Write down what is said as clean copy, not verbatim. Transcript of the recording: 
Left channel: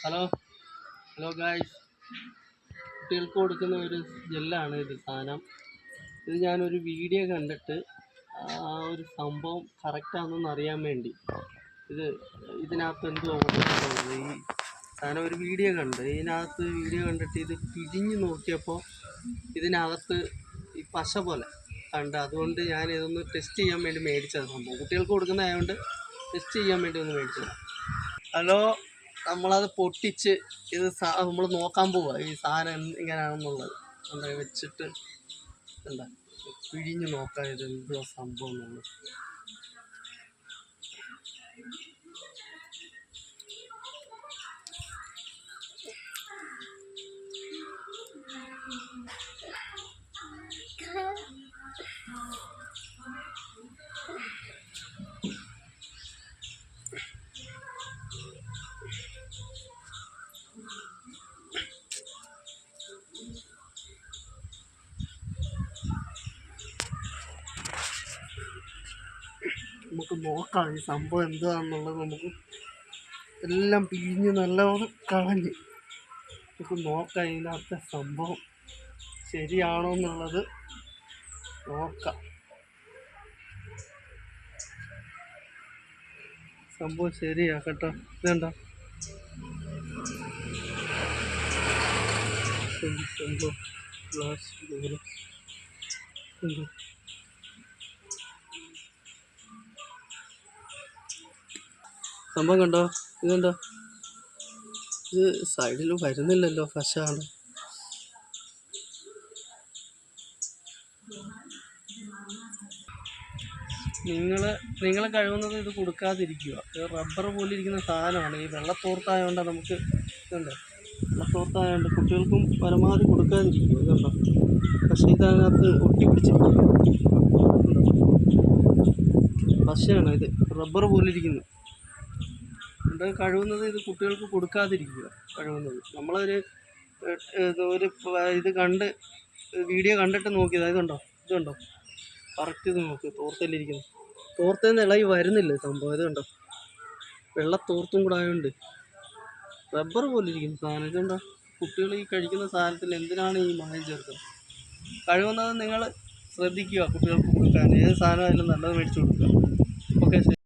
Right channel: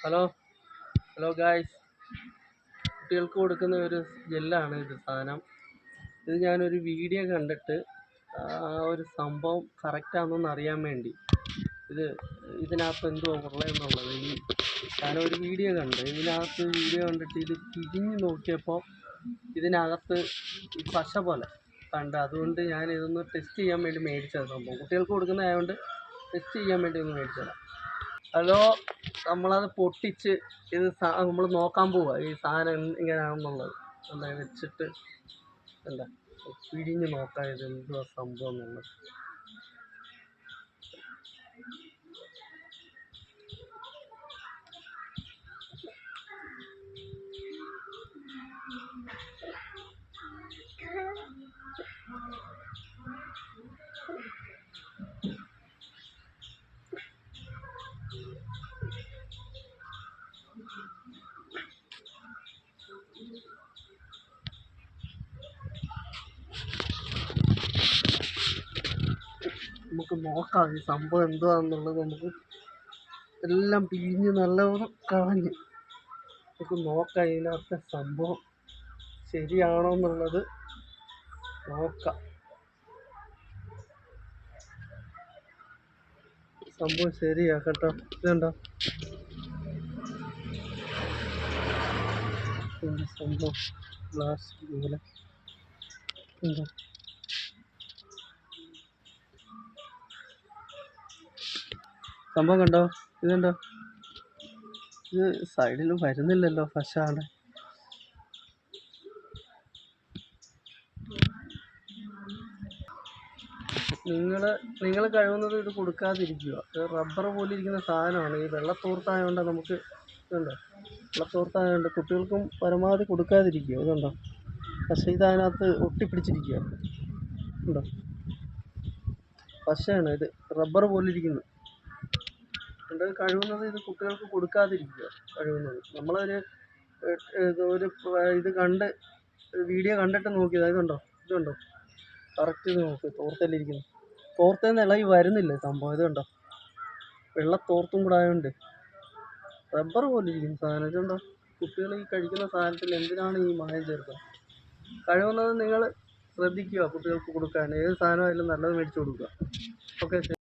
Hello hello guys, കുട്ടികൾക്ക് കൊടുക്കുന്ന ഒരു ജെല്ലാണ് ഇത് സാധനം. ഇത് ഞാനൊരു വീഡിയോ കണ്ടിട്ട് ആ ഒരു സംഭവം കറക്റ്റാണെന്നൊന്ന് അറിയാൻ വേണ്ടി ഇതിനകത്ത് എന്തുവാ ഉള്ളതെന്നുള്ളത് ഈ സാധനം ഒരു വീഡിയോ കണ്ടിട്ട് ഇത് പിഴിഞ്ഞ് നോക്കിയപ്പോൾ ഇതിനകത്ത് ഈ പശ പോലെ കണ്ട്, അതുകൊണ്ട് ഞാൻ ഇതൊന്ന് ടെസ്റ്റ് ചെയ്യാൻ വേണ്ടി മേടിച്ചത്. സംഭവം കുട്ടികൾക്ക് കൊടുക്കുന്നതായതുകൊണ്ട് ടെസ്റ്റ് ചെയ്യാൻ വേണ്ടി ഒന്ന് മേടിച്ചതാണ്. ഹലോ, നമ്മളത് പൊട്ടിച്ച് ഇത് നമ്മൾ നോക്കാൻ പോവുക ഈ സാധനം എങ്ങനെയാണെന്നുള്ളത്. എന്താ വെച്ചിട്ട് എന്താ പിഴിഞ്ഞ് നോക്കാം ഇത് എന്തുവാ സംഭവം എന്നുള്ളത്. നമുക്ക് നോക്കാം ഈ സംഭവം എന്താണെന്നുള്ളത്. നമുക്ക് എല്ലാം പിഴിഞ്ഞ് നല്ലവണ്ണം കളഞ്ഞ് നമുക്ക് നോക്കാം ഇതിനകത്തെ സംഭവം ശരിയാണോ എന്നുള്ളത് നോക്കാം. സംഭവം ശരിയാ കേട്ടോ. ഇതുണ്ടോ സംഭവം ഗ്ലാസ് പോലെ ഉണ്ടോ? സംഭവം കണ്ടോ? ഇതുണ്ടോ? ഇത് സൈഡിൽ വരുന്നില്ലല്ലോ പശാണ്. നിങ്ങൾ കഴിവുന്നത് ഇത് കൊടുക്കാതിരിക്കുക. ഇത് റബ്ബർ പോലെ ഇരിക്കുന്ന സാധനമാണ്. ഈ വെള്ളത്തോർത്തായതുകൊണ്ട് നമുക്ക് ഇതുണ്ടോ, വെള്ളത്തോർത്തായതുകൊണ്ട് കുട്ടികൾക്കും പരമാവധി കൊടുക്കാതിരിക്കുക. ഇതുണ്ടോ പക്ഷേ ഇതിനകത്ത് ഒട്ടിപ്പിടിച്ചിരിക്കുക. പശയാണ് ഇത്, റബ്ബർ പോലെ ഇരിക്കുന്നു. അതുകൊണ്ട് കഴിവുന്നത് ഇത് കുട്ടികൾക്ക് കൊടുക്കാതിരിക്കുക. കഴിവുന്നത് നമ്മളൊരു വീഡിയോ കണ്ടിട്ട് നോക്കിയതാണ്. ഇതുണ്ടോ കറക്റ്റ് ഇത് നോക്ക്. തോർത്തല്ലിരിക്കുന്നു. തോർത്തേന്ന് ഇളകി വരുന്നില്ല സംഭവം. ഇതുണ്ടോ വെള്ളത്തോർത്തും കൂടെ ആയതുകൊണ്ട് റബ്ബർ പോലെ ഇരിക്കുന്നു സാധനം. ഇതുണ്ടോ കുട്ടികൾ ഈ കഴിക്കുന്ന സാധനത്തിൽ എന്തിനാണ് ഈ മായം ചേർക്കുന്നത്? കഴിവുന്നത് നിങ്ങൾ ശ്രദ്ധിക്കുക കുട്ടികൾക്ക് കൊടുക്കാൻ. ഏത് സാധനമായാലും നല്ലത് മേടിച്ച് കൊടുക്കുക. ഓക്കെ.